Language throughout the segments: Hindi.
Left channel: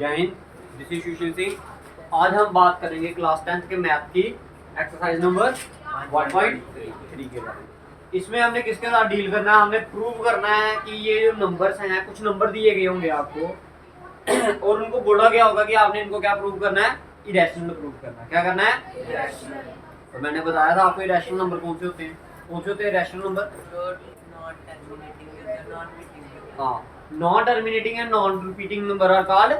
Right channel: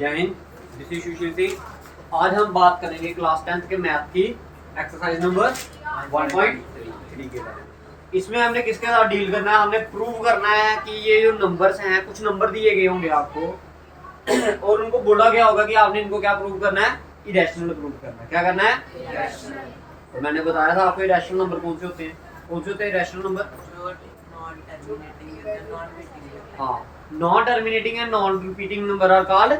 जय हिंद, दिस इज सुशील सिंह। आज हम बात करेंगे क्लास 10th के मैथ की एक्सरसाइज नंबर 1.3 के बारे में। इसमें हमने किसके साथ डील करना है, हमने प्रूव करना है कि ये जो नंबर्स हैं, कुछ नंबर दिए गए होंगे आपको और उनको बोला गया होगा कि आपने इनको क्या प्रूव करना है, इरेशनल प्रूव करना है। क्या करना है? इरेशनल। तो मैंने बताया था आपको इरेशनल नंबर कौन से होते हैं, कौन से होते हैं इरेशनल नंबर? हाँ, non terminating and non repeating number are called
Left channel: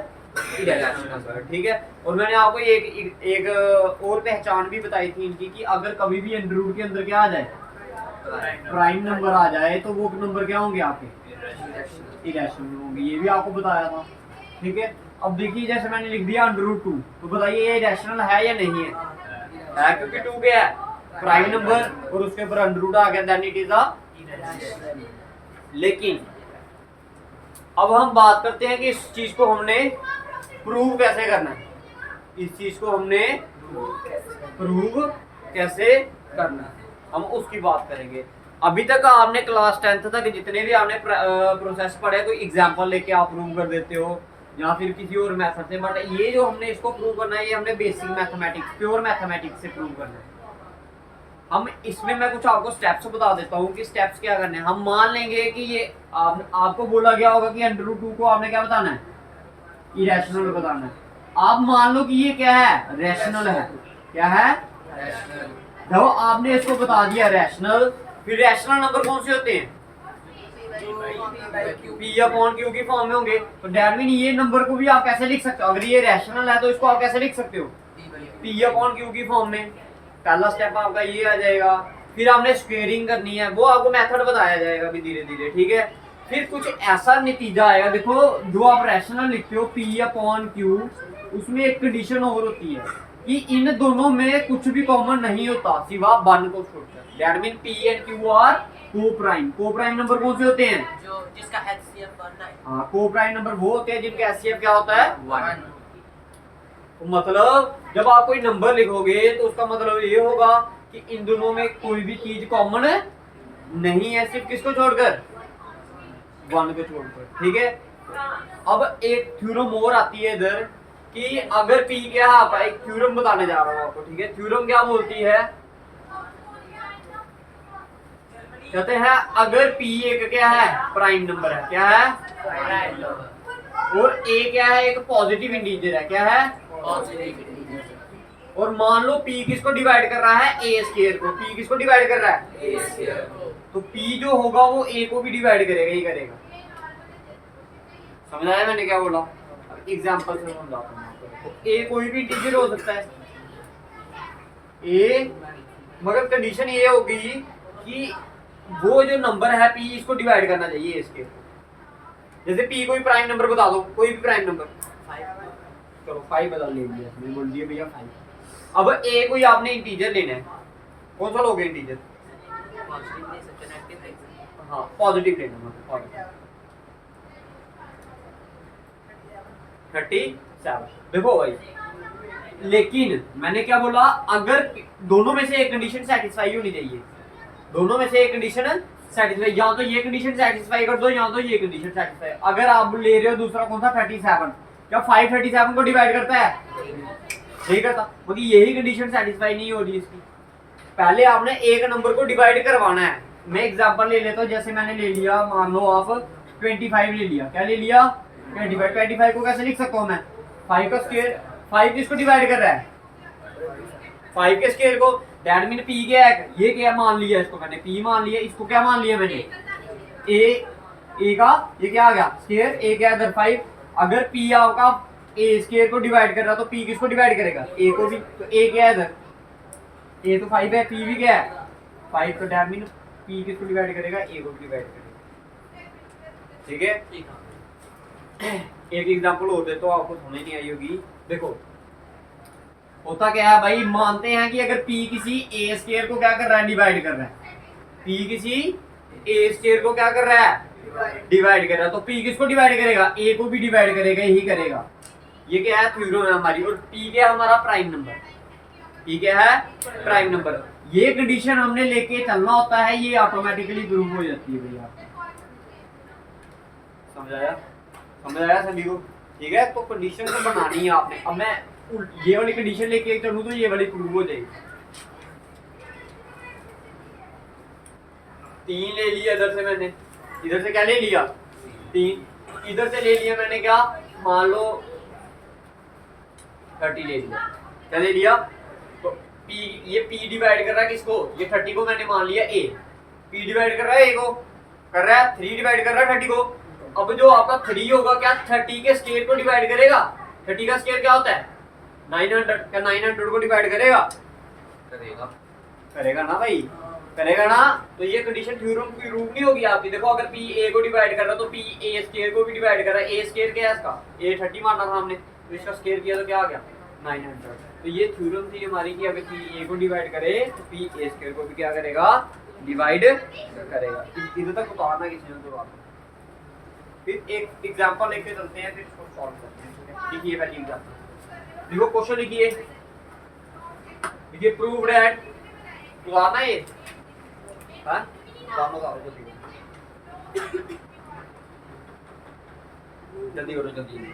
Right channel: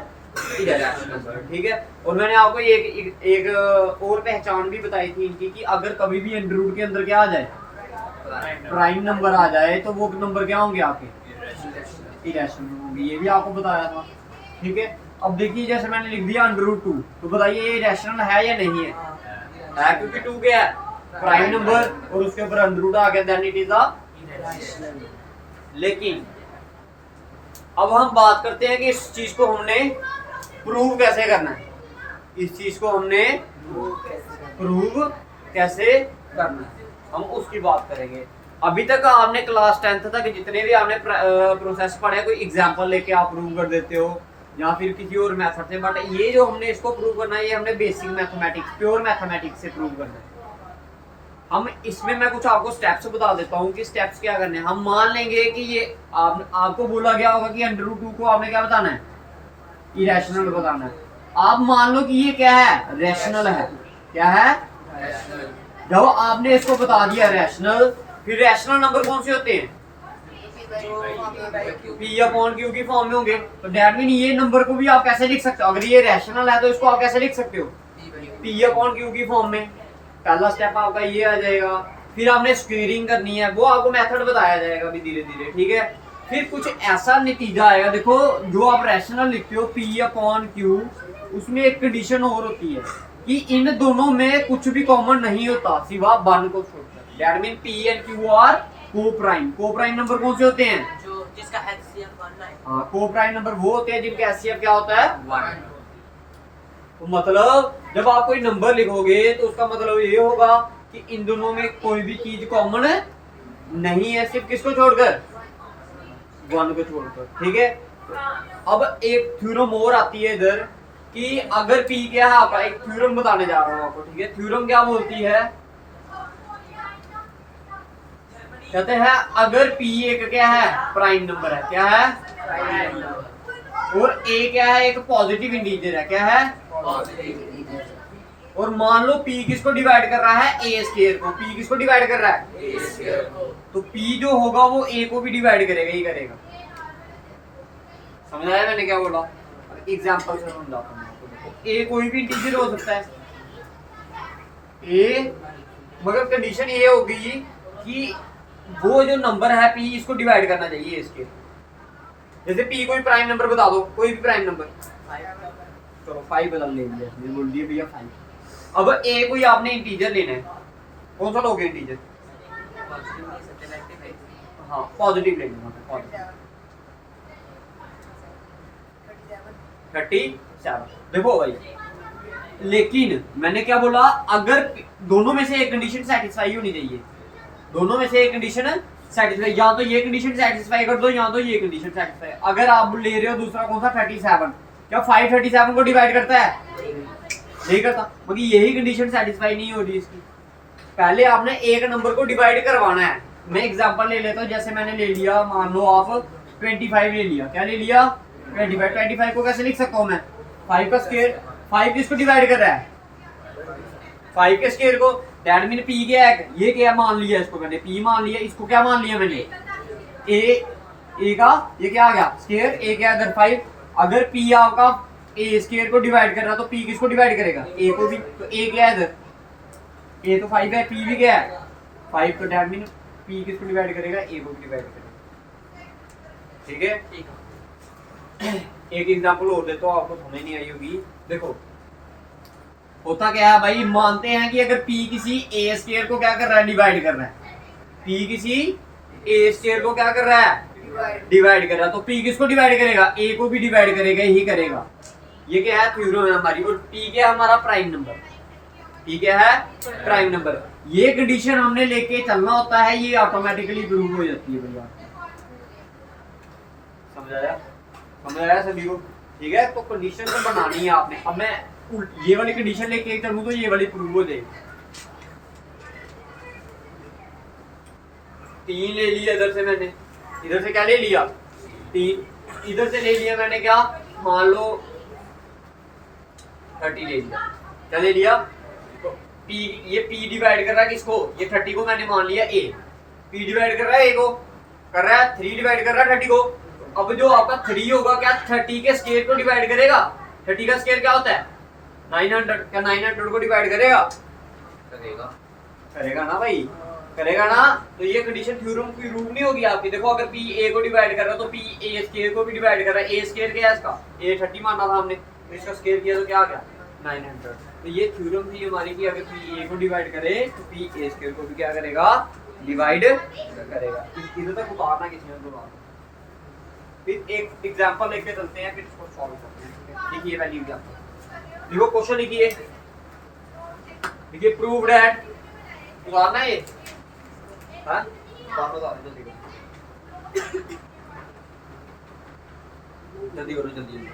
irrational number. ठीक है। और मैंने आपको एक और पहचान भी बताई थी इनकी कि अगर कभी भी अंडर रूट के अंदर क्या आ जाए, प्राइम नंबर आ जाए, तो वो नंबर क्या होंगे आपके? इरेशनल होंगे। ये भी आपको बताया था। ठीक है। अब देखिए, जैसे मैंने लिख दिया अंडर रूट 2, तो बताइए ये इरेशनल है या नहीं है? क्योंकि 2 क्या है? प्राइम नंबर, और उसके ऊपर अंडर रूट आ गया, then it is a irrational. लेकिन अब हम बात करते हैं कि इस चीज को हमने प्रूव कैसे करना है। इस चीज को हमने प्रूव कैसे करना है, हम उसकी बात करेंगे। अभी तक आपने क्लास 10th तक जितने भी आपने प्रोसेस पढ़े, कोई एग्जांपल लेके आप प्रूव कर देते हो या फिर किसी और मेथड से, बट ये जो हमने इसको प्रूव करना है, ये हमने बेसिक मैथमेटिक्स, प्योर मैथमेटिक्स से प्रूव करना है। हम इसमें मैं कुछ आपको स्टेप्स बता देता हूँ कि स्टेप्स क्या करने हैं। हम मान लेंगे कि ये आपको बोला गया होगा कि अंडर रूट 2 को आपने क्या बताना है, इरेशनल बताना है। आप मान लो कि ये क्या है, रैशनल है। क्या है? जब आपने इसको बता दिया रैशनल, फिर रैशनल नंबर कौन से होते हैं? पी अपॉन क्यू की फॉर्म में होंगे। तो दैट मीन ये नंबर को भी आप कैसे लिख सकते हो? अगर ये रैशनल है तो इसको आप कैसे लिख सकते हो? पी अपॉन क्यू की फॉर्म में। पहला स्टेप आपका ये आ जाएगा। फिर आपने स्क्वेयरिंग करनी है, वो आपको मेथड बताया जाएगा अभी धीरे धीरे। ठीक है। फिर कुछ ऐसा नतीजा आएगा। देखो, जो आप रैशनल लिखते हो पी अपॉन क्यू, उसमें एक कंडीशन और होती है कि इन दोनों में कुछ भी कॉमन नहीं होता सिवा 1 को छोड़कर। That mean P and Q R को प्राइम। को प्राइम नंबर कौन से होते हैं? जो जिसका एचसीएफ 1 है। हाँ, को प्राइम नंबर वो होते हैं जिनका एचसीएफ क्या होता है? 1। तो मतलब जब आप कोई नंबर लिखोगे तो उसका मतलब ये होगा कि इन दोनों में कोई भी चीज कॉमन नहीं है, सिर्फ किसको छोड़कर? 1 को छोड़कर। ठीक है। अब एक थ्योरम और आती है इधर कि अगर P क्या है, आपका एक थ्योरम बताने जा रहा हूं आपको। ठीक है। थ्योरम क्या बोलती है? कहते हैं अगर P एक क्या है, प्राइम नंबर है। क्या है? Prime number. और A क्या है, एक पॉजिटिव इंटीजर है। क्या है? और मान लो P किसको डिवाइड कर रहा है? A स्क्वायर को। P किसको डिवाइड कर रहा है? A स्क्वायर को। तो P जो होगा वो A को भी डिवाइड करेगा ही करेगा। समझ आया मैंने क्या बोला? अब एग्जांपल से समझाता हूं आपको। A कोई भी इंटीजर हो सकता है A, मगर कंडीशन ये होगी कि वो जो नंबर है P, इसको डिवाइड करना चाहिए इसके। जैसे P कोई प्राइम नंबर बता दो, कोई भी प्राइम नंबर। चलो 5 बदल ले लिया, मैंने बोल दिया भैया 5। अब A कोई आपने इंटीजर लेना है, कौन सा लोगे इंटीजर? हाँ, पॉजिटिव लेना है, पॉजिटिव 37। देखो भाई, लेकिन मैंने क्या बोला, अगर दोनों में से एक कंडीशन सेटिस्फाई होनी चाहिए। दोनों में से एक कंडीशन सेटिस्फाई, या तो ये कंडीशन सेटिस्फाई कर दो या तो ये कंडीशन सेटिस्फाई। अगर आप ले रहे हो दूसरा कौन सा, 37, क्या 5 37 को डिवाइड करता है? नहीं करता। मगर यही कंडीशन सेटिस्फाई नहीं हो रही इसकी। पहले आपने एक नंबर को डिवाइड करवाना है। मैं एग्जांपल ले लेता हूँ। जैसे मैंने ले लिया, मान लो आप 25 ले लिया। क्या ले लिया? 25। 25 को कैसे लिख सकता हूँ मैं? 5 का स्क्वायर। 5 किसको डिवाइड कर रहा है? 5 के स्क्वायर को। दैट मीन P क्या है? ये क्या मान लिया, इसको मैंने P मान लिया। इसको क्या मान लिया मैंने? A का ये क्या आ गया? स्क्वायर। A क्या इधर 5। अगर P आपका A स्क्वायर को डिवाइड कर रहा है तो P किसको डिवाइड करेगा? A को भी। तो A क्या है इधर? A तो 5 है, P भी क्या है? 5। तो दैट मीन P किसको डिवाइड करेगा? A को डिवाइड करेगा। ठीक है। एक एग्जांपल और देता हूं, आपको समझ नहीं आई होगी। देखो, होता क्या है भाई, मानते हैं कि अगर P किसी A स्क्वायर को क्या कर रहा है? डिवाइड कर रहा है। P किसी A स्क्वायर को क्या कर रहा है? डिवाइड कर रहा है। तो P किसको डिवाइड करेगा? A को भी डिवाइड करेगा ही करेगा। ये क्या है? थ्योरम है हमारी। और P क्या है? हमारा प्राइम नंबर। P क्या है? Prime number. ये कंडीशन हमने लेके चलना होता है, ये ऑटोमेटिकली प्रूव हो जाती है भैया। समझ आया? समझ आया सभी को? ठीक है, तो कंडीशन तो बनानी है आपने। अब मैं ये वाली कंडीशन लेके चलूं तो ये वाली प्रूव हो जाएगी। 3 ले लिया इधर से मैंने, इधर से क्या ले लिया 3, इधर से ले लिया मैंने क्या, मान लो 30 ले लिया। क्या ले लिया, तो P, ये P डिवाइड कर रहा है किसको, ये 30 को मैंने मान लिया A, P डिवाइड कर रहा है A को, कर रहा है 3 डिवाइड कर रहा है 30 को। अब जो आपका 3 होगा क्या 30 के स्क्वायर को डिवाइड करेगा, 30 का स्क्वायर क्या होता है 900, क्या 900 को डिवाइड करेगा, करेगा, करेगा ना भाई, करेगा ना। तो ये कंडीशन थ्योरम की रूट नहीं होगी आपकी। देखो अगर P A को डिवाइड कर रहा है तो P A स्क्वायर को भी डिवाइड कर रहा है। A स्क्वायर क्या है इसका, A 30 माना था हमने, तो इसका स्क्वायर किया तो क्या आ गया 900। तो ये थ्योरम थी हमारी कि अगर P A को डिवाइड करे तो P A स्क्वायर को भी क्या करेगा, डिवाइड करेगा। इधर तक उतारना किसी ने तो बात। फिर एक एग्जांपल लेके चलते हैं, फिर इसको सॉल्व करते हैं। देखिए पहली एग्जांपल, देखो क्वेश्चन लिखिए, देखिए प्रूव दैट, उतारना है ये, हाँ जल्दी करो, जल्दी करो, जल्दी।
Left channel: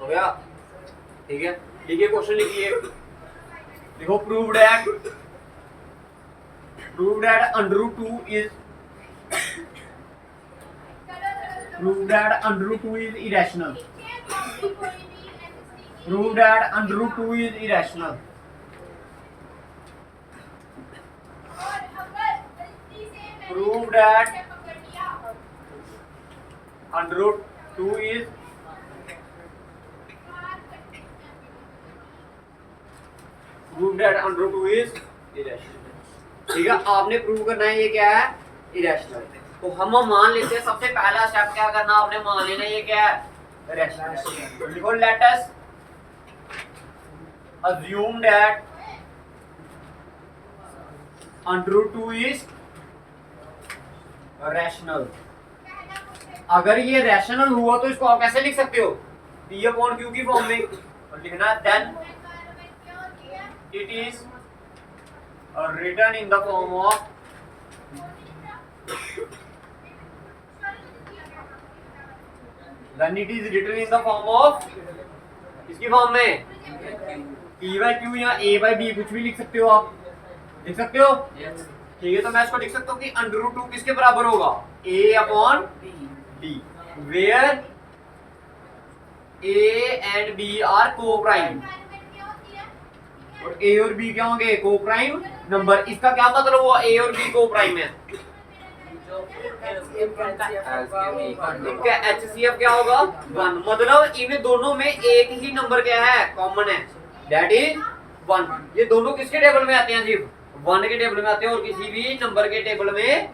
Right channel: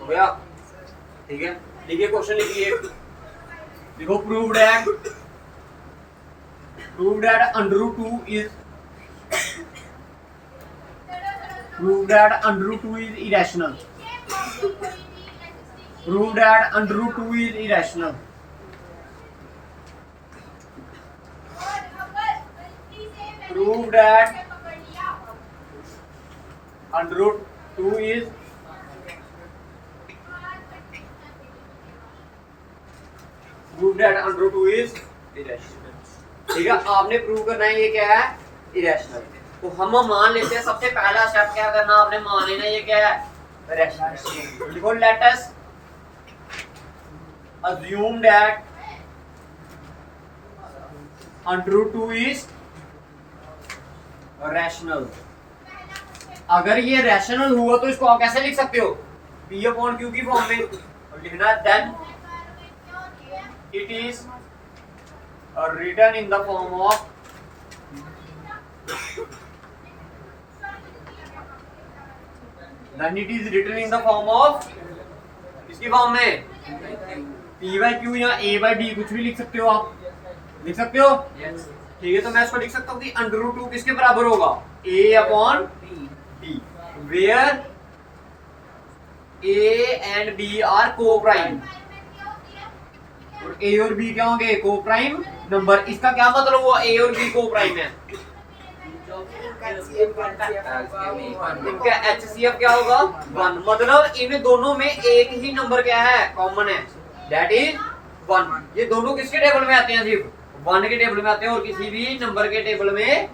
हो गया, ठीक है। लिखिए क्वेश्चन लिखिए, देखो proved that under root 2 is, proved that under root 2 is irrational, proved that under root 2 is irrational, proved that under root 2 is prove that under root 2 is irrational. ठीक है, आपने प्रूव करना है ये क्या है, इरेशनल। तो हम मान लेते हैं, सबसे पहला स्टेप क्या करना आपने, मान लेना ये क्या है, इरेशनल। लिखो let us assume that under root 2 is rational. अगर ये रैशनल हुआ तो इसको आप कैसे लिख सकते हो, P अपॉन Q की फॉर्म में। और लिखना है then it is written in the form of then it is written in the form of किसकी फॉर्म में, P by Q या A by B, कुछ भी लिख सकते हो आप, लिख सकते हो। yes. ठीक है, तो मैं इसको लिख सकता हूँ कि अंडर रूट 2 किसके बराबर होगा, A upon B, where A and B are co-prime, और A और B क्या होंगे, को प्राइम नंबर। इसका क्या मतलब हुआ, A और B को प्राइम है, इनका HCF क्या होगा 1, मतलब इन दोनों में एक ही नंबर क्या है, कॉमन है, दैट इज 1। ये दोनों किसके टेबल में आते हैं, सिर्फ 1 के टेबल में आते हैं और किसी भी नंबर के टेबल में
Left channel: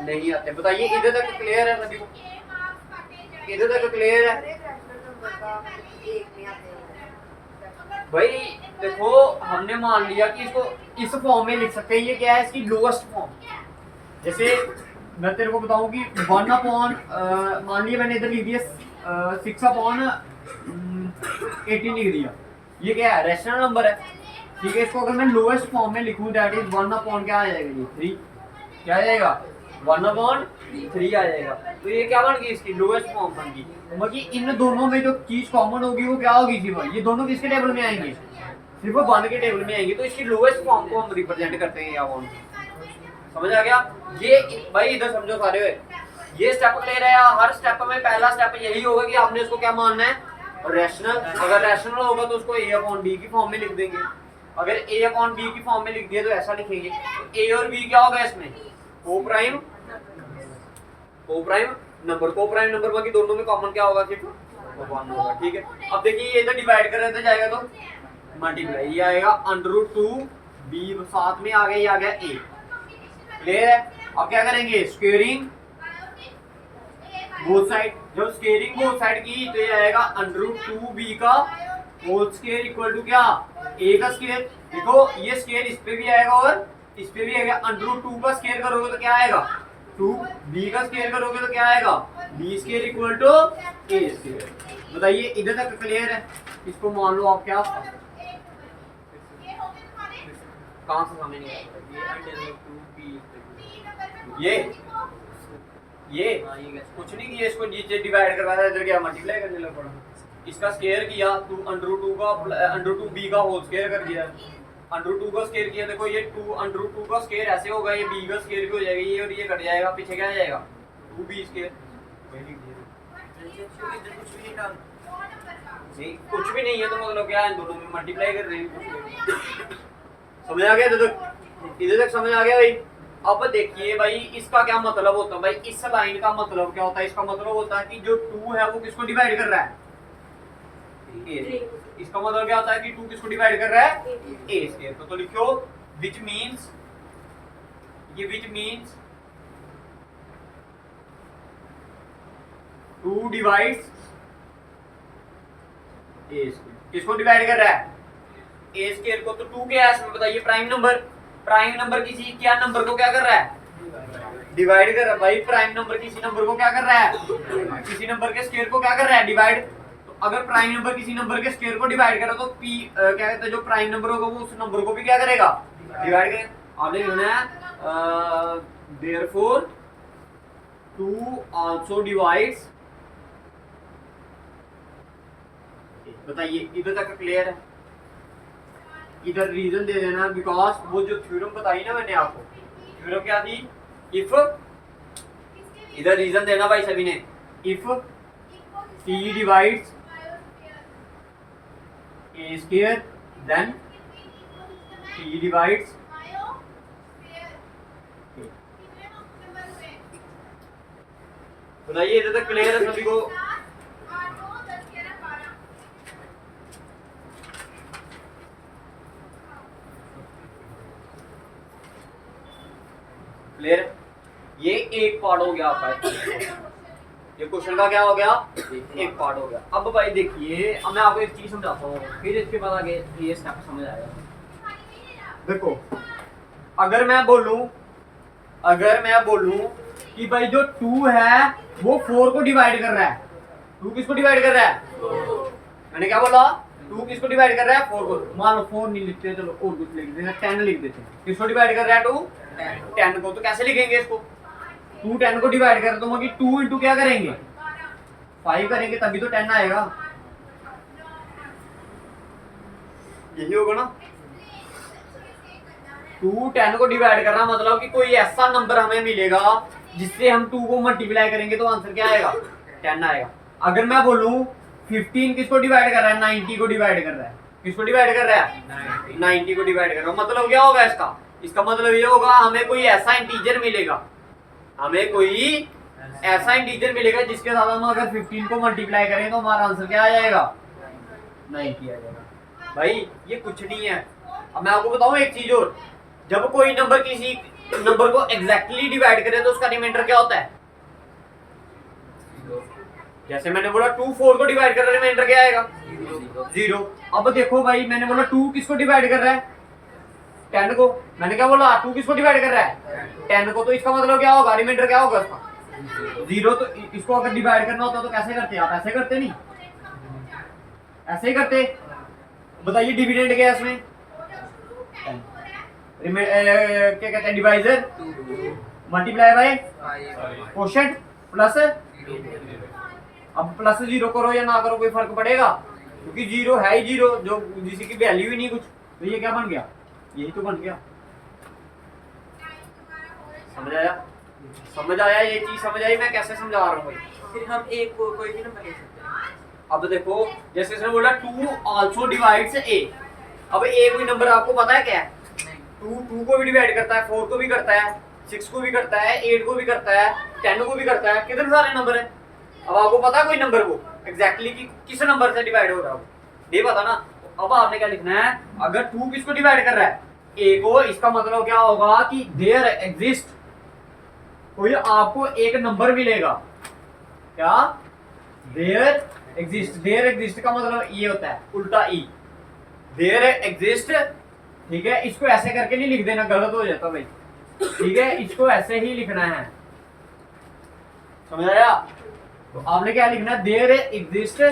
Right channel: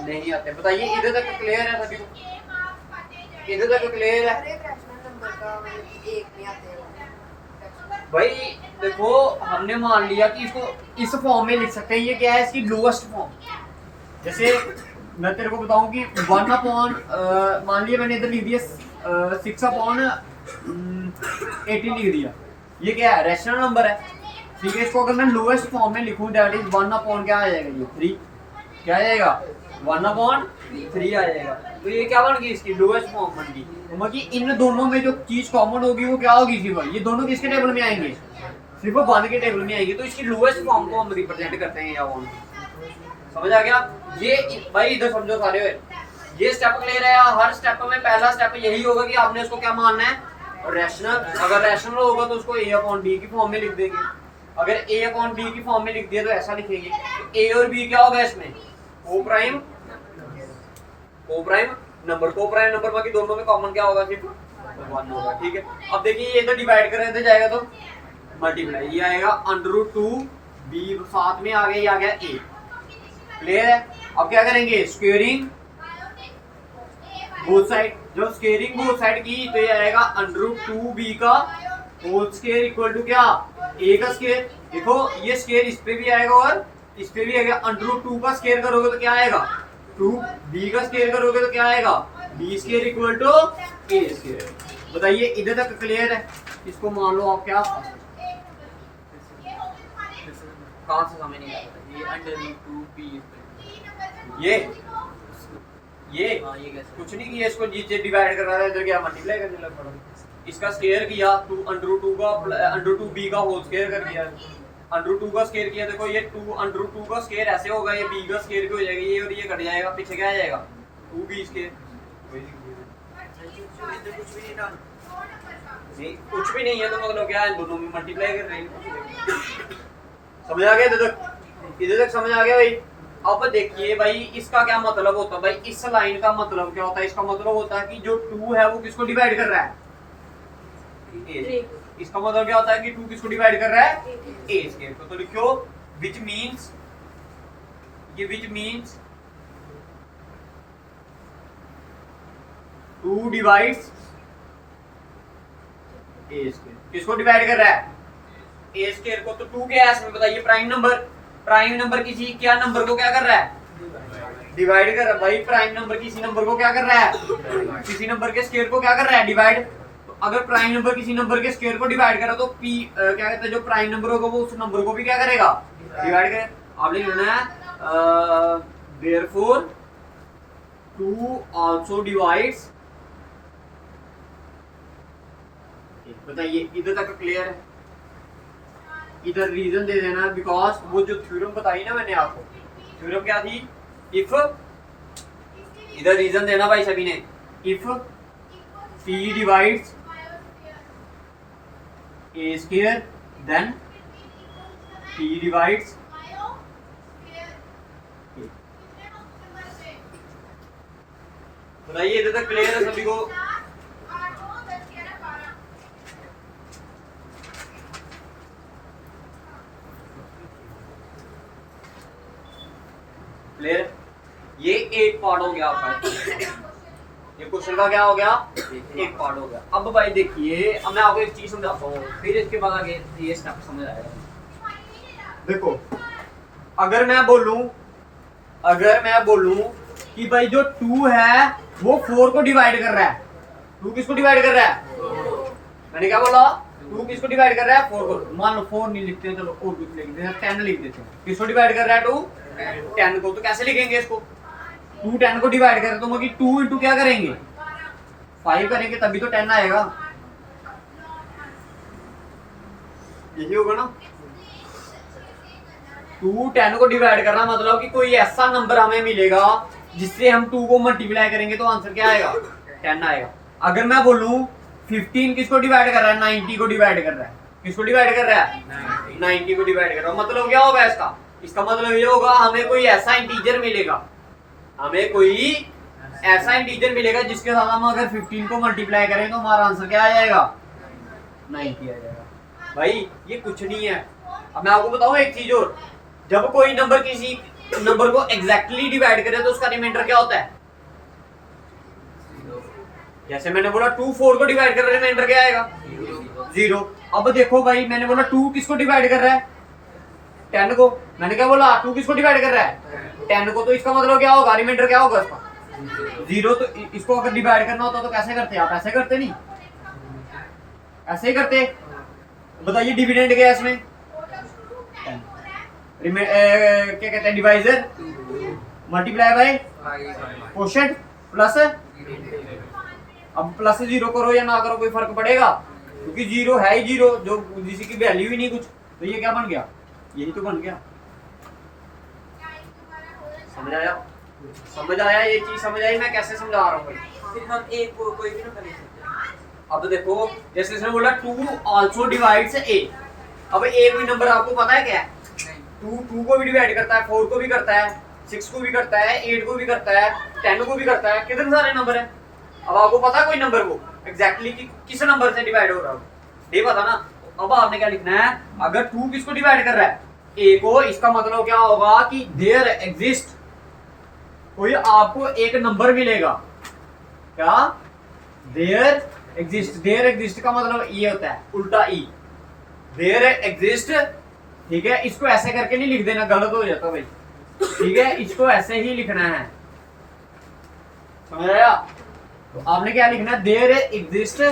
नहीं आते। बताइए इधर तक क्लियर है सभी को, इधर तक क्लियर है भाई। देखो हमने मान लिया कि इसको इस फॉर्म में लिख सकते हैं, ये क्या है, इसकी लोएस्ट फॉर्म। जैसे मैं तेरे को बताऊं कि 1 अपॉन, मान लिया मैंने इधर लिख दिया 6 अपॉन 18 लिख दिया, ये क्या है, रैशनल नंबर है। ठीक है, इसको अगर मैं लोएस्ट फॉर्म में लिखूं दैट इज 1 अपॉन क्या आ जाएगा, ये 3, क्या आ जाएगा 1 अपॉन 3 आ जाएगा। तो ये क्या बन गई, इसकी लोएस्ट फॉर्म बन गई। तो मतलब इन दोनों में जो चीज कॉमन होगी वो क्या होगी, सिर्फ ये दोनों किसके टेबल में आएंगे, सिर्फ 1 के टेबल में आएंगे। तो इसकी लोएस्ट फॉर्म को हम रिप्रेजेंट करते हैं या 1। समझ आ गया ये भाई, इधर समझो सारे, ये स्टेप क्लियर है। हर स्टेप में पहला स्टेप यही होगा कि आपने उसको क्या मानना है, रैशनल। अगर रैशनल होगा तो उसको A अपॉन B की फॉर्म में लिख देंगे। अगर A अपॉन B की फॉर्म में लिख दिया तो ऐसा लिखेंगे। तो A और B क्या होगा इसमें, को प्राइम नंबर, को प्राइम नंबर, बाकी दोनों में कॉमन क्या होगा, सिर्फ 1 होगा। ठीक है, अब देखिए ये इधर डिवाइड कर इधर जाएगा तो मल्टीप्लाई, ये आएगा अंडर रूट 2 B, साथ में आ गया ये आ गया A। क्लियर है। अब क्या करेंगे, स्क्वेयरिंग बोथ साइड, जब स्केयरिंग बोथ साइड की तो ये आएगा √2b का होल स्केयर इक्वल टू क्या, a का स्केयर। देखो ये स्केयर इस पे भी आएगा और इस पे भी आएगा। √2 का स्केयर करोगे तो क्या आएगा 2b का स्केयर करोगे तो क्या आएगा b square equal to a square. बताइए इधर तक क्लियर है? इसको मान लो आप क्या, कहां से समझ नहीं आ रहा ये √2b ये हाँ ये कैसे कुछ नहीं किया, इसको नीचे डिवाइड करवा रहा है, इधर क्या मल्टीप्लाई करने लग पड़ा। इसका स्क्वायर किया तो √2 का √2b का होल स्क्वायर कर दिया। √2 का स्क्वायर किया, देखो ये √2 का स्क्वायर ऐसे होगा, ये b का स्क्वायर हो जाएगा, ये और ये कट जाएगा, पीछे क्या आ जाएगा 2b स्क्वायर। कुछ भी नहीं डाल नहीं कुछ भी नहीं है तो मतलब क्या है, दोनों में मल्टीप्लाई कर रहे हैं। समझ आ गया इधर तक समझ आ गया भाई? अब देखिए भाई इसका क्या मतलब होता है भाई, इस लाइन का मतलब क्या होता है? इसका मतलब होता है कि जो 2 है वो किसको डिवाइड कर रहा है a। इसका मतलब क्या होता है कि 2 किसको डिवाइड कर रहा है a स्क्वायर को। तो लिखो which means, ये which means 2 divides a square. किसको डिवाइड कर रहा है a स्क्वायर को। तो 2 क्या है इसमें बताइए, प्राइम नंबर किसी क्या नंबर को क्या कर रहा है डिवाइड कर रहा है भाई। प्राइम नंबर किसी नंबर को क्या कर रहा है, किसी नंबर के स्क्वायर को क्या कर रहा है डिवाइड। तो अगर प्राइम नंबर किसी नंबर के स्क्वायर को डिवाइड करा तो p क्या कहते हैं, जो प्राइम नंबर होगा वो उस नंबर को भी क्या करेगा डिवाइड करेगा। आपने लिखना है देयरफॉर 2 आल्सो डिवाइड्स। बताइए इधर तक क्लियर है? इधर रीजन दे देना, बिकॉज वो जो थ्योरम बताई ना मैंने आपको, थ्योरम क्या थी, इफ, इधर रीजन देना भाई सभी ने, if p divides a square then p divides a। बताइए इधर तक क्लियर है सभी को? क्लियर? ये एक पार्ट हो गया आपका, ये क्वेश्चन का क्या हो गया, एक पार्ट हो गया। अब भाई देखिए, अब मैं आपको एक चीज समझाता हूँ, फिर इसके बाद आगे ये स्टेप समझ आएगा। देखो अगर मैं बोलूं कि भाई जो 2 है वो 4 को डिवाइड कर रहा है। 2 किसको डिवाइड कर रहा है, मैंने क्या बोला, 2 किसको डिवाइड कर रहा है 4 को। मान लो 4 नहीं लिखते, चलो और कुछ लिख देते हैं, 10 लिख देते हैं। किसको डिवाइड कर रहा है 2 10 को। तो कैसे लिखेंगे इसको, 2 10 को डिवाइड करें तो मतलब 2 इंटू क्या करेंगे 5 करेंगे, तभी तो 10 आएगा। यही होगा ना, 2 10 को डिवाइड करना मतलब कि कोई ऐसा नंबर हमें मिलेगा जिससे हम 2 को मल्टीप्लाई करेंगे तो आंसर क्या आएगा 10 आएगा। अगर मैं बोलूं 15 किसको डिवाइड कर रहा है 90 को डिवाइड कर रहा है, किसको डिवाइड कर रहा है 90 को डिवाइड कर रहा है। मतलब क्या होगा इसका मतलब ये होगा हमें कोई ऐसा इंटीजर मिलेगा, हमें कोई ऐसा इंटीजर मिलेगा जिसके साथ हम अगर 15 को मल्टीप्लाई करें तो हमारा आंसर क्या आ जाएगा 90 आ जाएगा। भाई ये कुछ नहीं है। अब मैं आपको बताऊं एक चीज और, जब कोई नंबर किसी नंबर को एग्जैक्टली डिवाइड करे तो उसका रिमाइंडर क्या होता है। जैसे मैंने बोला 2 4 को डिवाइड कर रहा है, रिमाइंडर क्या आएगा 0। अब देखो भाई मैंने बोला 2 किसको डिवाइड कर रहा है 10 को। मैंने क्या बोला 2 किसको डिवाइड कर रहा है 10 को। तो इसका मतलब क्या होगा, रिमाइंडर क्या होगा इसका 0। तो इसको अगर डिवाइड करना होता तो कैसे करते आप, ऐसे करते नहीं, ऐसे ही करते। बताइए डिविडेंड क्या है इसमें, क्या कहते हैं divisor multiply by quotient plus. अब प्लस 0 करो या ना करो कोई फर्क पड़ेगा, क्योंकि 0 है ही 0, जो जिसकी वैल्यू ही नहीं कुछ। तो ये क्या बन गया, यही तो बन गया। समझ आया ये चीज समझ आई मैं कैसे समझा रहा हूँ। फिर हम एक को कोई भी नंबर ले सकते हैं। अब तो देखो जैसे इसने बोला 2 आल्सो डिवाइड्स a। अब a कोई नंबर आपको पता है क्या है, 2 को भी डिवाइड करता है, 4 को भी करता है, 6 को भी करता है, 8 को भी करता है, 10 को भी करता है। कितने सारे नंबर है। अब आपको पता है कोई नंबर वो एग्जैक्टली किस नंबर से डिवाइड हो रहा है, ये पता ना। अब आपने क्या लिखना है, अगर 2 किसको डिवाइड कर रहा है a को, इसका मतलब क्या होगा कि देयर एग्जिस्ट कोई आपको एक नंबर मिलेगा क्या देयर एग्जिस्ट, देयर एग्जिस्ट का मतलब ये होता है उल्टा ई, देयर एग्जिस्ट, ठीक है। इसको ऐसे करके नहीं लिख देना, गलत हो जाता भाई, ठीक है। इसको ऐसे ही लिखना है, समझ आया। तो आपने क्या लिखना है, there exist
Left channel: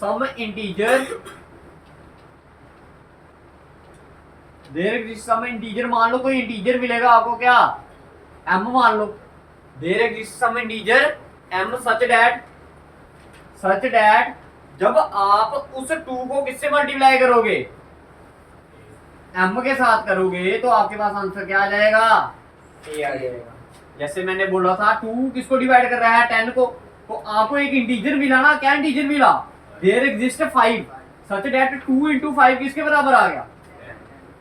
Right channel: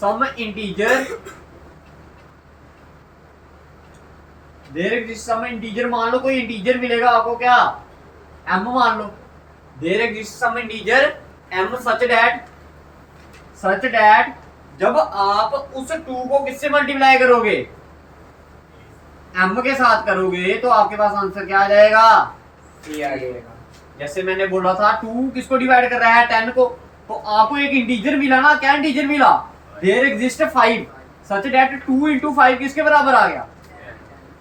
some integer, there exist some integer, मान लो कोई इंटीजर मिलेगा आपको, क्या m मान लो, there exist some integer m such that जब आप उस 2 को किससे मल्टीप्लाई करोगे, m के साथ करोगे, तो आपके पास आंसर क्या आ जाएगा, a आ जाएगा। जैसे मैंने बोला था 2 किसको डिवाइड कर रहा है, 10 को, तो आपको एक इंटीजर मिला ना, क्या इंटीजर मिला, there exist 5 such that 2 into 5 किसके बराबर आ गया,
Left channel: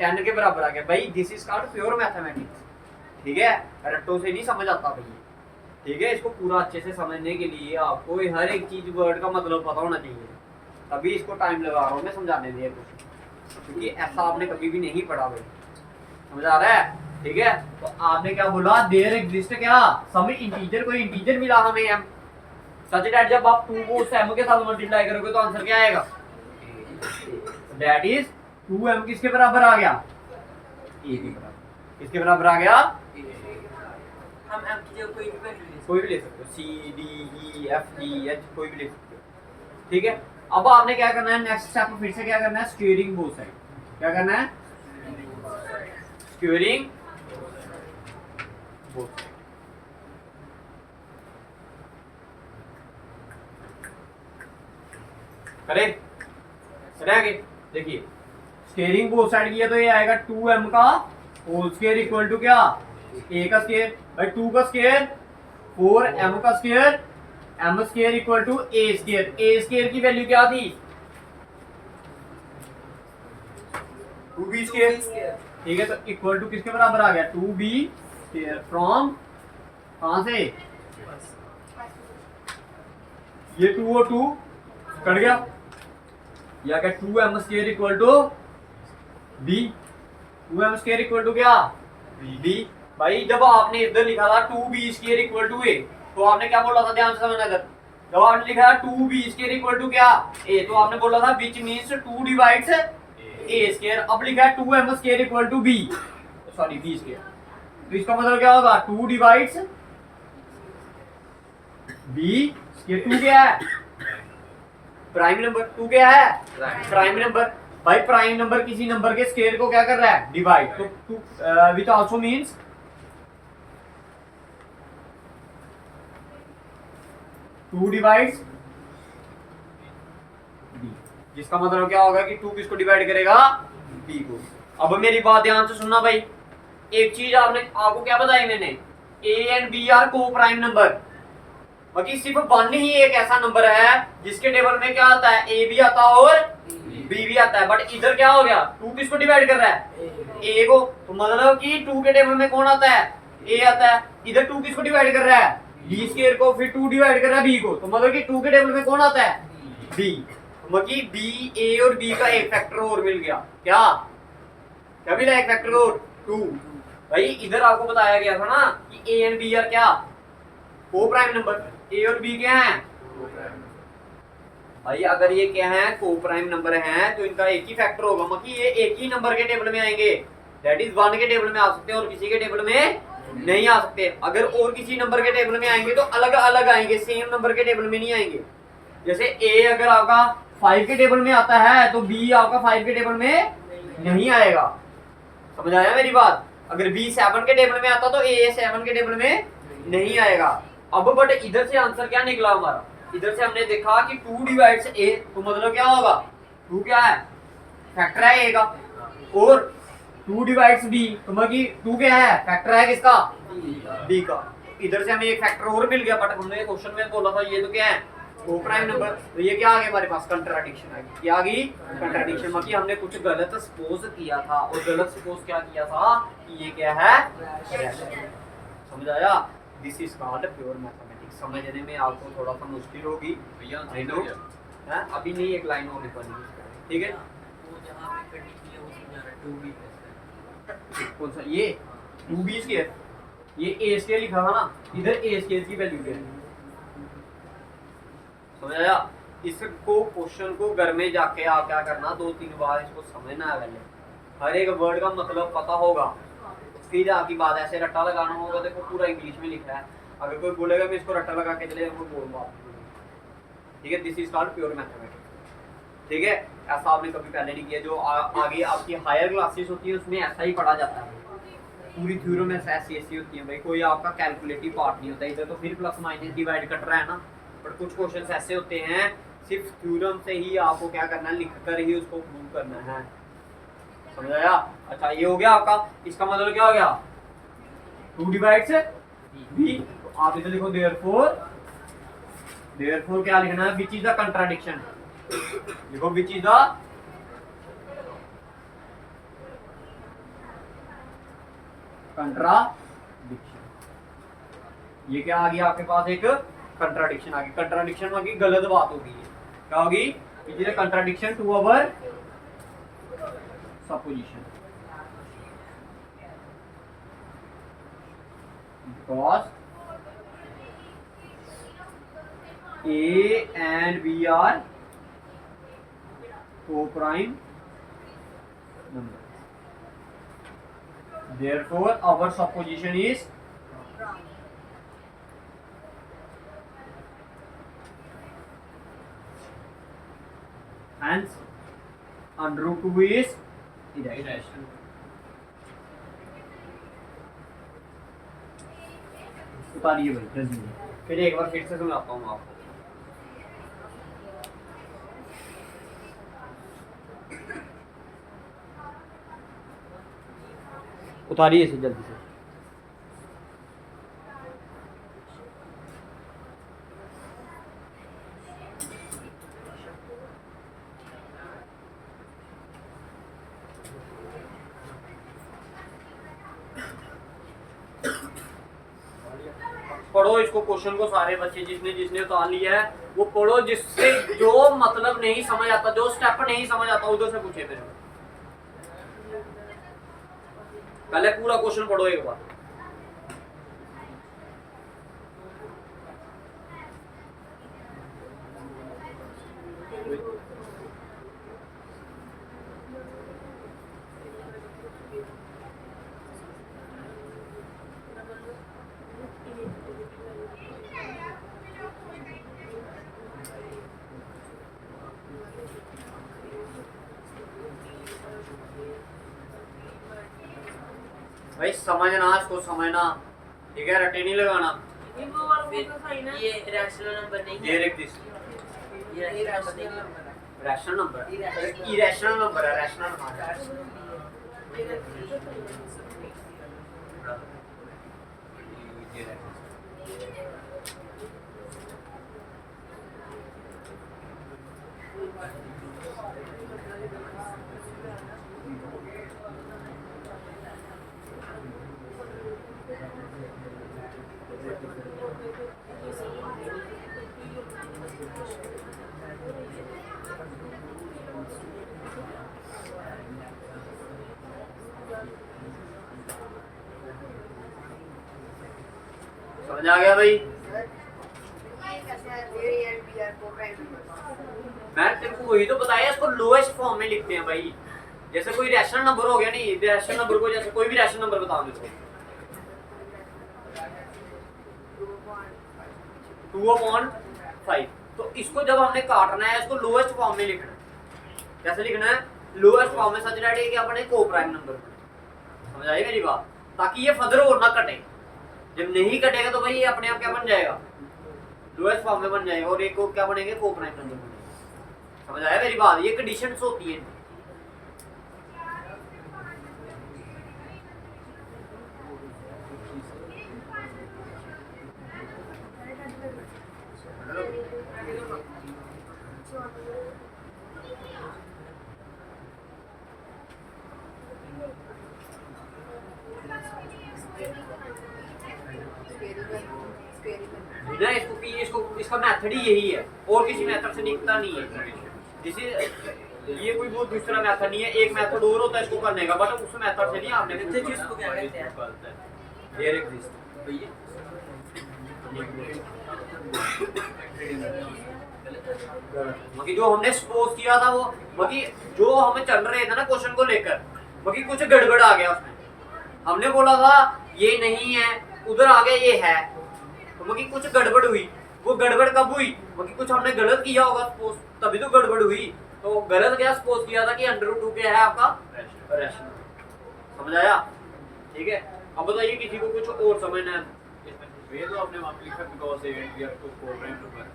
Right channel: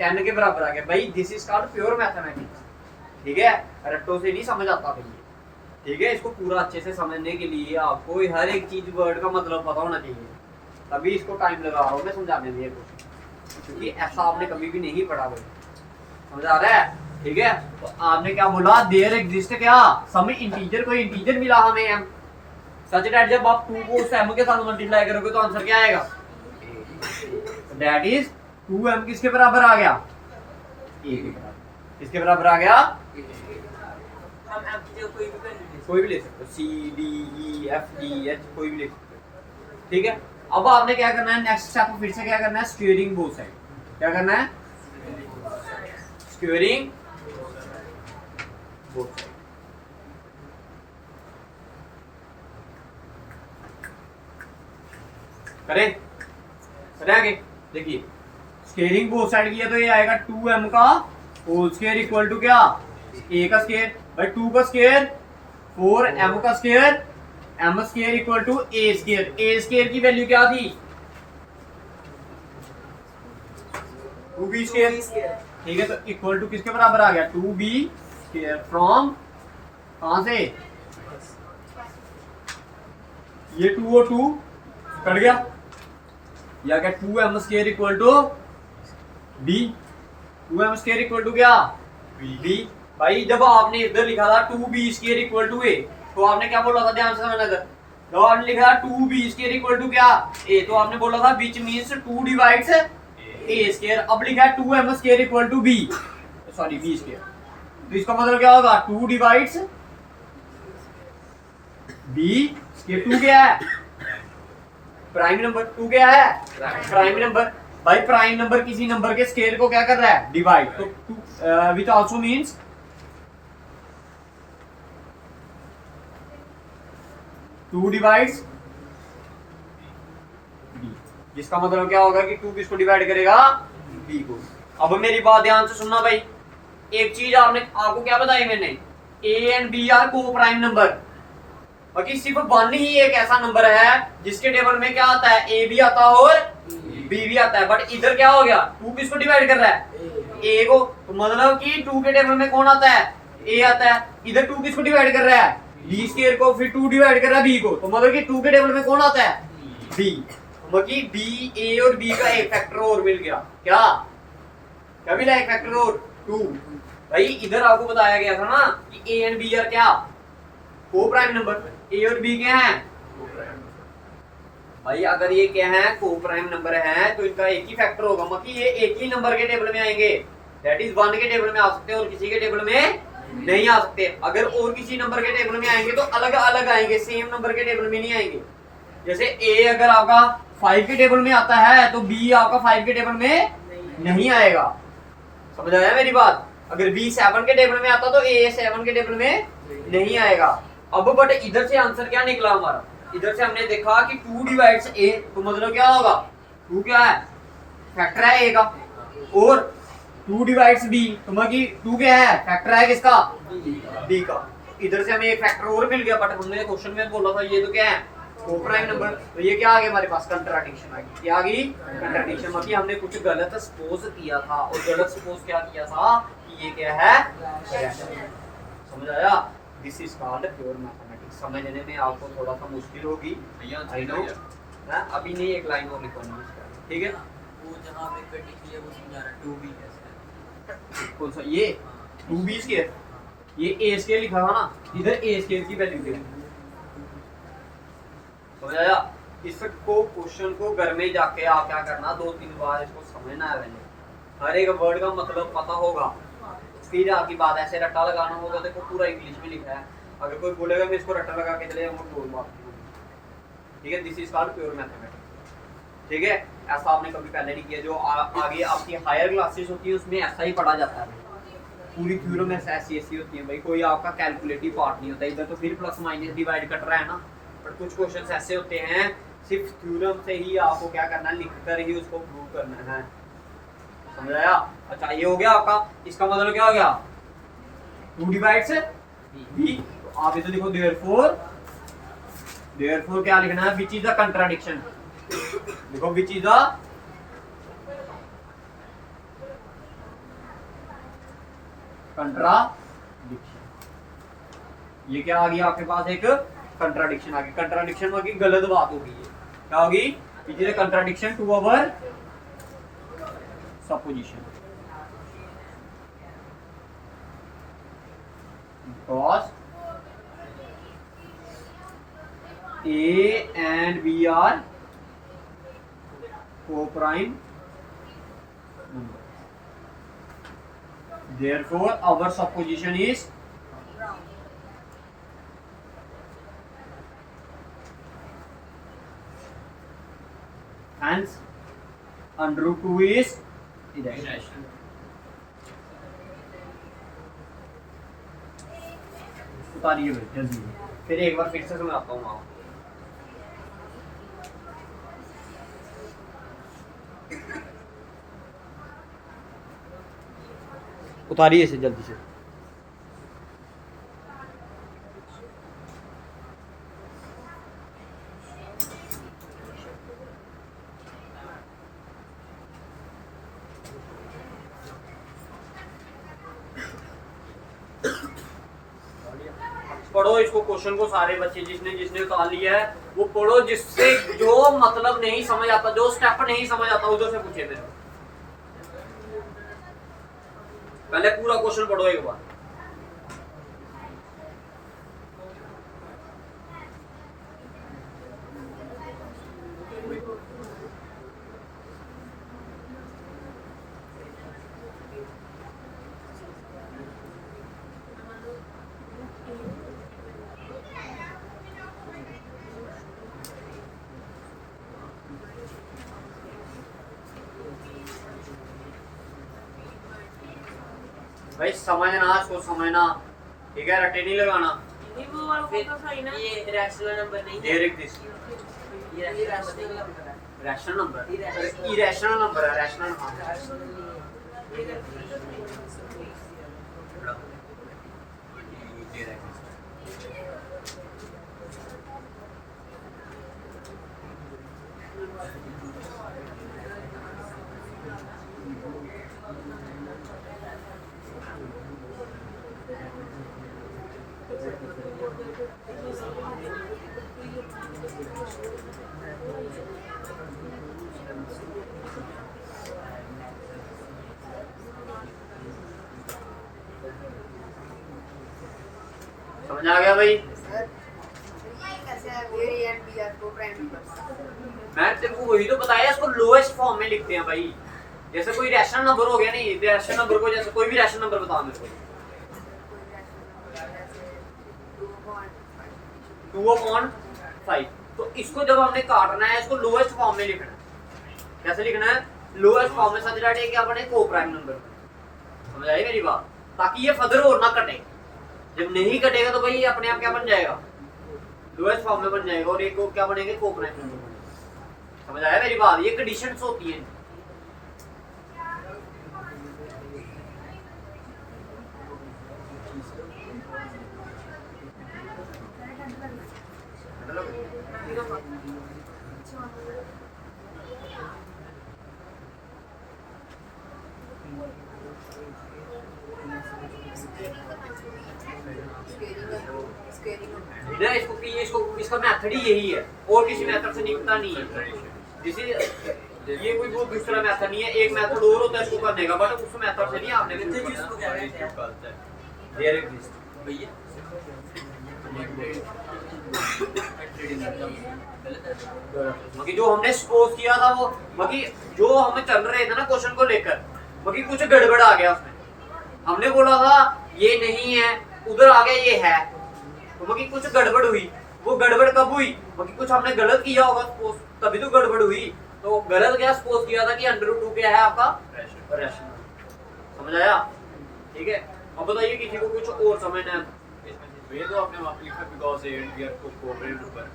10 के बराबर आ गया। भाई this is called pure mathematics, ठीक है, रट्टों से नहीं समझ आता भाई, ठीक है। इसको पूरा अच्छे से समझने के लिए आपको हर एक चीज वर्ड का मतलब पता होना चाहिए, तभी इसको टाइम लगा रहा हूँ मैं समझाने लिए कुछ, क्योंकि ऐसा आपने कभी भी नहीं पढ़ा भाई, समझ आ रहा है, ठीक है। तो आपने क्या बोला, देयर एग्जिस्ट क्या सम इंटीजर, कोई इंटीजर मिला हमें m, सच दैट जब आप 2 को उस m के साथ मल्टीप्लाई करोगे तो आंसर क्या आएगा, दैट इज 2m किसके बराबर आ गया, a के बराबर, किसके बराबर आ गया, हम m की जगह कोई भी ले सकते हो, C D E F G H कोई भी ले सकते हो, ठीक है। अब आपने क्या करना है, नेक्स्ट स्टेप फिर से क्या करना है, स्क्वेयरिंग बोथ साइड, क्या करना है, स्क्वेयरिंग बोथ साइड। करें, चले आगे, देखिए स्क्वेयरिंग बोथ साइड किया तो ये आएगा 2m का होल स्क्वायर इक्वल टू क्या, a का स्क्वायर, भाई 2 का स्क्वायर 4m का square, m square equal to a square, a square की वैल्यू क्या थी, 2b स्क्वायर, ठीक है। तो इक्वल टू किसके बराबर आ गया, 2b स्क्वायर फ्रॉम, कहां से, ये 2 और 2 कट गया, या क्या 2m square equal to b, 2m square equal to क्या b। भाई जब आपने इधर लिखा था 2b square equal to a, तो आपने क्या बोला था, ध्यान से समझना, अगर जब आपने लिखा था 2b स्क्वायर इक्वल टू क्या a, तो आपने बोला था which means 2 divides a square. अब लिखा है 2m square equal to b, sorry b square, तो इसका मतलब क्या होगा, 2 डिवाइड्स b स्क्वायर, 2 क्या है, प्राइम नंबर, 2 क्या है, प्राइम नंबर। भाई प्राइम नंबर किसी नंबर के स्क्वायर को क्या कर रहा है, डिवाइड, तो 2 which also means 2 divides b, जिसका मतलब क्या होगा कि 2 किसको डिवाइड करेगा, b को। अब मेरी बात ध्यान से सुनना भाई, एक चीज आपको क्या बताई मैंने, a एंड b आर को प्राइम नंबर, बाकी सिर्फ 1 ही एक ऐसा नंबर है जिसके टेबल में क्या आता है, a भी आता है और b भी आता है, बट इधर क्या हो गया, 2 किसको डिवाइड कर रहा है, a को, तो मतलब कि 2 के टेबल में कौन आता है, a आता है, इधर 2 किसको डिवाइड कर रहा है, b स्क्वायर को, फिर 2 डिवाइड कर रहा है b को, तो मतलब कि 2 के टेबल में कौन आता है, b, तो मतलब कि b, a और b का एक फैक्टर और मिल गया, क्या मिला, एक फैक्टर और 2। भाई इधर आपको बताया गया था ना कि a एंड b आर क्या, को प्राइम नंबर, a और b क्या है, भाई अगर ये क्या है, को प्राइम नंबर है, तो इनका एक ही फैक्टर होगा, मतलब ये एक ही नंबर के टेबल में आएंगे, दैट इज 1 के टेबल में आ सकते हैं और किसी के टेबल में नहीं आ सकते। अगर और किसी नंबर के टेबल में आएंगे तो अलग अलग आएंगे, सेम नंबर के टेबल में नहीं आएंगे। जैसे a अगर आपका 5 के टेबल में आता है तो b आपका 5 के टेबल में नहीं आएगा, समझ आया मेरी बात। अगर b 7 के टेबल में आता तो a 7 के टेबल में नहीं आएगा। अब बट इधर से आंसर क्या निकला हमारा, इधर से हमने देखा कि 2 डिवाइड्स a, तो मतलब क्या होगा, 2 क्या है, फैक्टर है a का, और 2 डिवाइड्स b, तो मतलब कि 2 क्या है, फैक्टर है किसका, b का। इधर से हमें एक फैक्टर और मिल गया, बट हमने क्वेश्चन में बोला था ये तो क्या है, को प्राइम नंबर, तो ये क्या आ गया हमारे पास, कंट्राडिक्शन आ गई। क्या आ गई, कंट्राडिक्शन, मतलब हमने कुछ गलत सपोज किया था, और गलत सपोज क्या किया था कि ये क्या है, समझ आया। This is called pure mathematics. समझने में आपको थोड़ा सा मुश्किल होगी, आई नो, अभी नहीं, एक लाइन और लिखवानी है, ठीक है। वो जहां पे कंडीशन है वो समझा रहा है 2b कैसे, कौन सा, ये 2b स्क्वायर, ये a स्क्वायर लिखा था ना, इधर a स्क्वायर की वैल्यू क्या है, समझ आया? इसको क्वेश्चन को घर में जाके आप क्या करना, 2-3 बार इसको समझना है पहले, हर एक वर्ड का मतलब पता होगा, फिर आपकी बात ऐसे रट्टा लगाना होगा। देखो पूरा इंग्लिश में लिखा है, अगर कोई बोलेगा मैं इसको रट्टा लगा के चले वो बोल बात नहीं होगी, ठीक है? This is called pure mathematics, ठीक है? ऐसा आपने कभी पहले नहीं किया। जो आगे आपकी हायर क्लासेस होती है उसमें ऐसा ही पढ़ा जाता है, पूरी थ्योरम में ऐसी ऐसी होती है भाई, कोई आपका कैलकुलेटिव पार्ट नहीं होता इधर, तो फिर प्लस माइनस डिवाइड कट रहा है ना, पर कुछ क्वेश्चंस ऐसे होते हैं सिर्फ थ्योरम से ही आपको क्या करना है, लिखकर ही उसको प्रूव करना है, समझ आया? अच्छा ये हो गया आपका, इसका मतलब क्या हो गया, 2 डिवाइड से b, तो आप इधर लिखो देयरफॉर क्या लिखना है, विच इज द कंट्राडिक्शन, लिखो विच इज द कंट्राडिक्शन। ये क्या आ गया आपके पास, एक कंट्राडिक्शन आ गई। कंट्राडिक्शन में गलत बात होगी, क्या होगी, it is a contradiction to our supposition, because A and B are co-prime numbers. Therefore, our supposition is hence under root 2 is irrational. उतारिए भाई जल्दी, फिर एक बार फिर से समझाता हूँ आपको। उतारिए इसे जल्दी से। पढ़ो इसको, क्वेश्चन को सारे बच्चे जिसने जिसने उतार लिया है वो पढ़ो, जिससे जो मतलब नहीं समझ आता, जो स्टेप नहीं समझ आता उधर से पूछे फिर। पहले पूरा क्वेश्चन पढ़ो एक बार। भाई समझना, इसको समझना, ठीक है? रट्टे नहीं लगाना। ये रैशनल नंबर नहीं है, डायरेक्ट दिस ये रैशनल नंबर है, रैशनल नंबर, इरेशनल नंबर है, रैशनल समझ आ गया भाई? मैं तेरे वही तो बताया, इसको लोएस्ट फॉर्म में लिखते हैं भाई। जैसे कोई रैशनल नंबर हो गया, नहीं रैशनल नंबर को, जैसे कोई भी रैशनल नंबर बता मेरे को, 2/5, तो इसको जब हमने काटना है इसको लोएस्ट फॉर्म में लिखना है। कैसे लिखना है? लोएस्ट फॉर्म में, सच डाटे कि अपने को प्राइम नंबर, समझ आई मेरी बात? ताकि ये फर्दर और ना कटे। जब नहीं कटेगा तो भाई ये अपने आप क्या बन जाएगा, लोएस्ट फॉर्म में बन जाएगा, और एक को क्या बनेंगे, को प्राइम नंबर बनेगा। समझ आया मेरी बात? ये कंडीशंस होती हैं। ना इसको इसका मेथड ही यही है, और किसी मेथड से निकलता नहीं है। जैसे ये कोई बहुत दूसरा मेथड नहीं है, एक मेथड और होता है इसको करने का, बट उस मेथड से नहीं आपने जिसको क्या कहते हैं डायरेक्ट भैया रीडिंग है गलत है बाकी जो हमने सपोज किया था वो बाकी जो हम चल रहे थे ना क्वेश्चन को लेकर बाकी कुछ गड़बड़ आ गया उसमें हमने बोला था ये नहीं है उधर आ गया ये है तो बाकी कुछ गड़बड़ हुई वो गड़बड़ कब हुई बाकी कुछ हमने गलत किया होगा सपोज तभी तो गड़बड़ हुई तो गलत क्या सपोज किया था कि √2 क्या है आपका रेशनल समझ आया ठीक है अब बताइए किसी को कुछ और समझना है ये तो आपने वहाँ पे लिखा because A and B are coprime number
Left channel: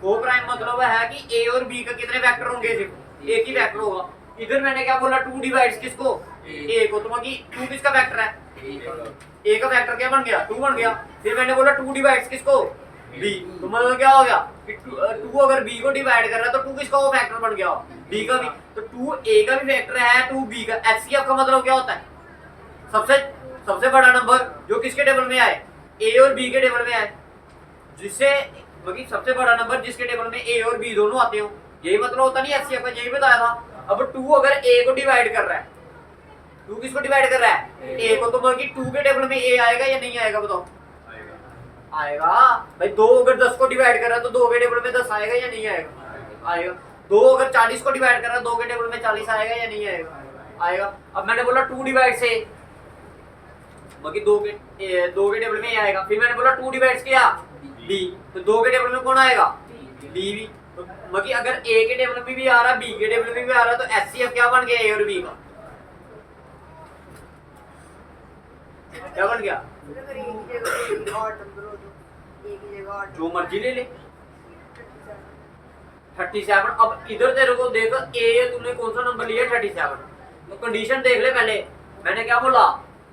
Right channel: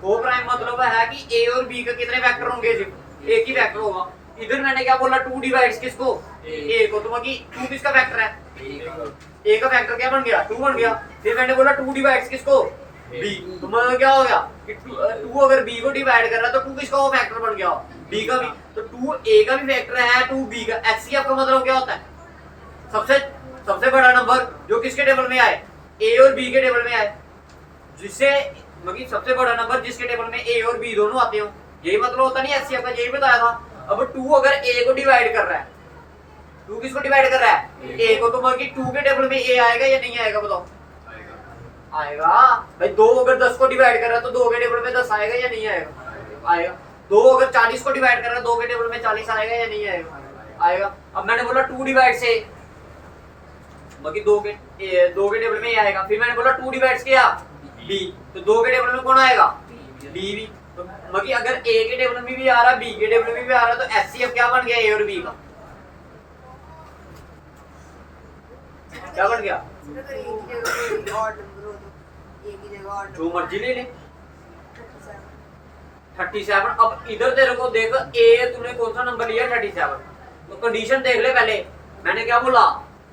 coprime मतलब है कि ए और बी का कितने वेक्टर होंगे सिर्फ एक ही वेक्टर होगा इधर मैंने क्या बोला 2 डिवाइड्स किसको ए को तो बाकी 2 किसका वेक्टर है ए का वेक्टर क्या बन गया 2 बन गया फिर मैंने बोला 2 डिवाइड्स किसको बी तो मतलब क्या हो गया कि 2 अगर बी को डिवाइड कर रहा है तो 2 किसका वो वेक्टर बन गया बी का भी तो 2 ए का भी वेक्टर है 2 बी का एचसीएफ का मतलब क्या होता है सबसे बड़ा नंबर जो किसके टेबल में आए ए और बी के टेबल में आए जिससे मतलब सबसे बड़ा नंबर जिसके टेबल में ए और बी दोनों आते हो यही मतलब होता नहीं एचसीएफ का यही बताया था अब 2 अगर ए को डिवाइड कर रहा है 2 किसको डिवाइड कर रहा है ए को तो मतलब 2 के टेबल में ए आएगा या नहीं आएगा बताओ आएगा भाई 2 अगर 10 को डिवाइड कर रहा है तो 2 के टेबल में 10 आएगा या नहीं आएगा आएगा 2 अगर 40 को डिवाइड कर रहा है 2 के टेबल में 40 आएगा या नहीं आएगा आएगा अब मैंने बोला 2 डिवाइड से बाकी 2 के टेबल में ये आएगा फिर मैंने बोला 2 डिवाइड्स किया बी तो 2 के टेबल में कौन आएगा बी भी तो बाकी अगर ए के टेबल में भी आ रहा है बी के टेबल में भी आ रहा है तो एचसीएफ क्या बन गया ए और बी का क्या बन गया जो मर्जी ले ले 37 अब इधर तेरे को देख ए तूने कौन सा नंबर लिया 37 तो कंडीशन देख ले पहले मैंने क्या बोला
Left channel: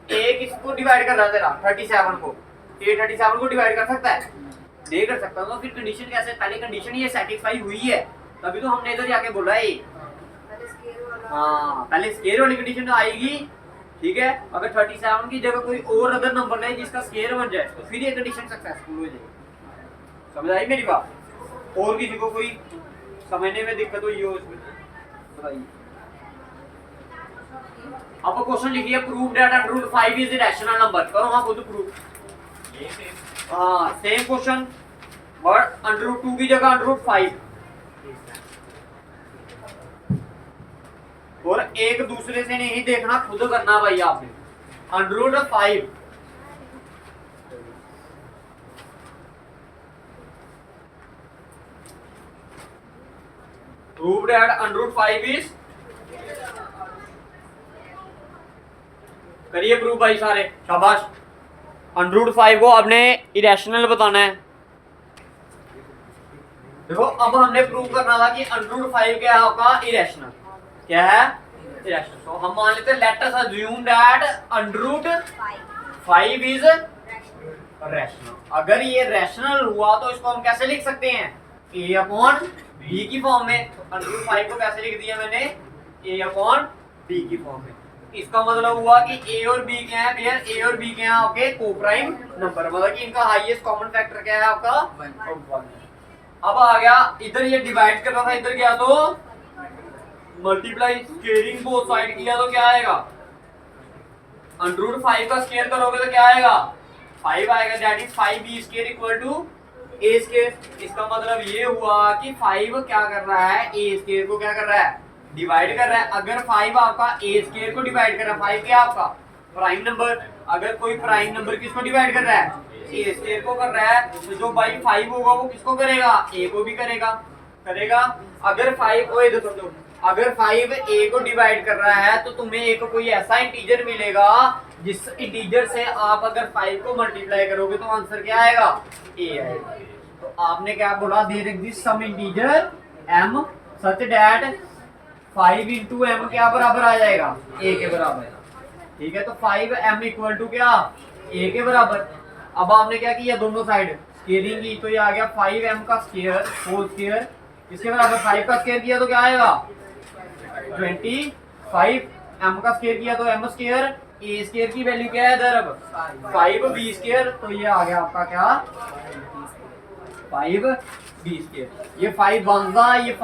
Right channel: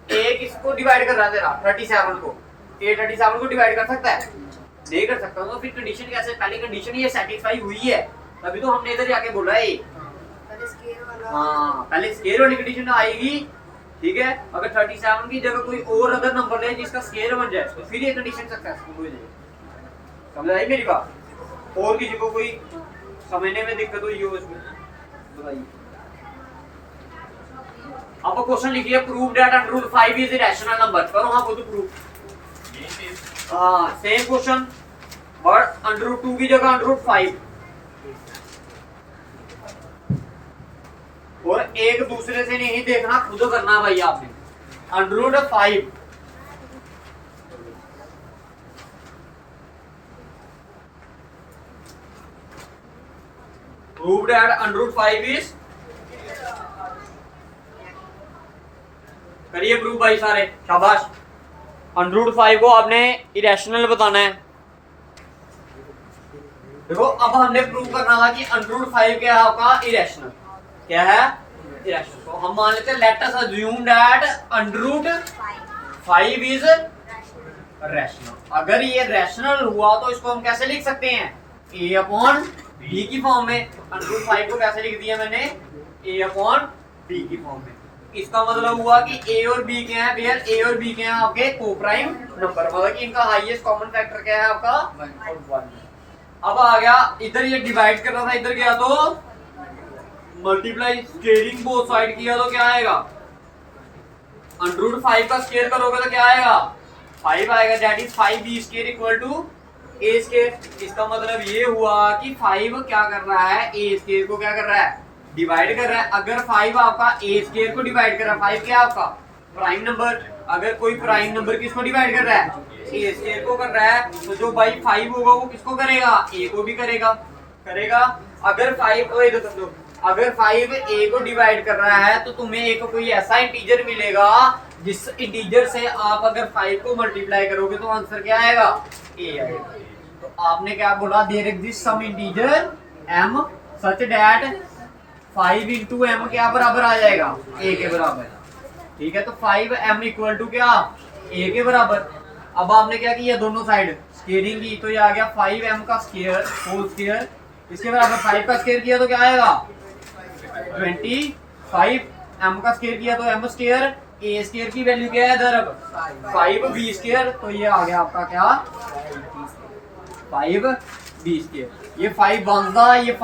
ए किसको डिवाइड कर रहा है तेरा 37 को ए 37 को डिवाइड कर सकता है नहीं कर सकता तो फिर कंडीशन कैसे पहले कंडीशन ये सेटिस्फाई हुई है तभी तो हमने इधर जाके बोला है हाँ पहले स्केयर वाली कंडीशन आएगी ठीक है अगर 37 की जगह कोई और अदर नंबर ले जिसका स्केयर बन जाए तो फिर ये कंडीशन सक्सेसफुल हो जाएगी समझ आई मेरी बात और किसी को कोई समझने में दिक्कत हुई हो इसमें बताइए अब क्वेश्चन लिखिए prove that √5 is rational number करो हाँ खुद प्रूव हाँ सेम क्वेश्चन बट √2 की जगह √5 और एक दूसरे से नहीं देखना खुद करना भाई आपने √5 प्रूव दैट √5 इज करिए प्रूव भाई सारे शाबाश √5 को आपने इरेशनल बताना है देखो अब हमने प्रूव करना था कि √5 क्या है आपका इरेशनल क्या है इरेशनल तो हम मान लेते हैं late us assume that √5 is rational अगर ये रैशनल हुआ तो इसको हम कैसे लिख सकते हैं a/b की फॉर्म में तो √5 को कैसे लिख दिया मैंने a/b की फॉर्म में इसका मतलब हुआ कि ए और बी क्या है भैया ए और बी क्या है आपके कोप्राइम नंबर मतलब कि इनका हाईएस्ट कॉमन फैक्टर क्या है आपका 1 अब आ गया इधर ये डिवाइड कर रहा था इधर गया तो मल्टीप्लाई स्केयरिंग बोथ साइड किया तो क्या आएगा √5 का स्केयर करोगे तो क्या आएगा 5 आएगा that is 5b square equal to a square इसका मतलब ये हुआ कि 5 क्या कर रहा है a स्केयर को क्या कर रहा है डिवाइड कर रहा है अगर 5 आपका a स्केयर को डिवाइड कर रहा है 5 क्या आपका प्राइम नंबर अगर कोई प्राइम नंबर किसको डिवाइड कर रहा है a स्केयर को कर रहा है तो जो भाई 5 होगा वो किसको करेगा a को भी करेगा अगर 5 ओए देखो दो अगर 5 a को डिवाइड कर रहा है तो तुम्हें एक कोई ऐसा इंटीजर मिलेगा जिस इंटीजर से आप अगर 5 को मल्टीप्लाई करोगे तो आंसर क्या आएगा a आएगा तो आपने क्या बोला there exist some integer m such that 5 into m क्या बराबर आ जाएगा a के बराबर ठीक है तो 5m इक्वल टू क्या a के बराबर अब आपने क्या किया दोनों साइड स्केयरिंग की तो ये आ गया 5m का स्केयर होल स्केयर इसके बराबर 5 का स्केयर किया तो क्या आएगा 25 m का स्केयर किया तो m स्केयर a स्केयर की वैल्यू क्या है इधर अब 5b स्केयर तो ये आ गया आपका क्या 5b स्केयर ये 5 बनता ये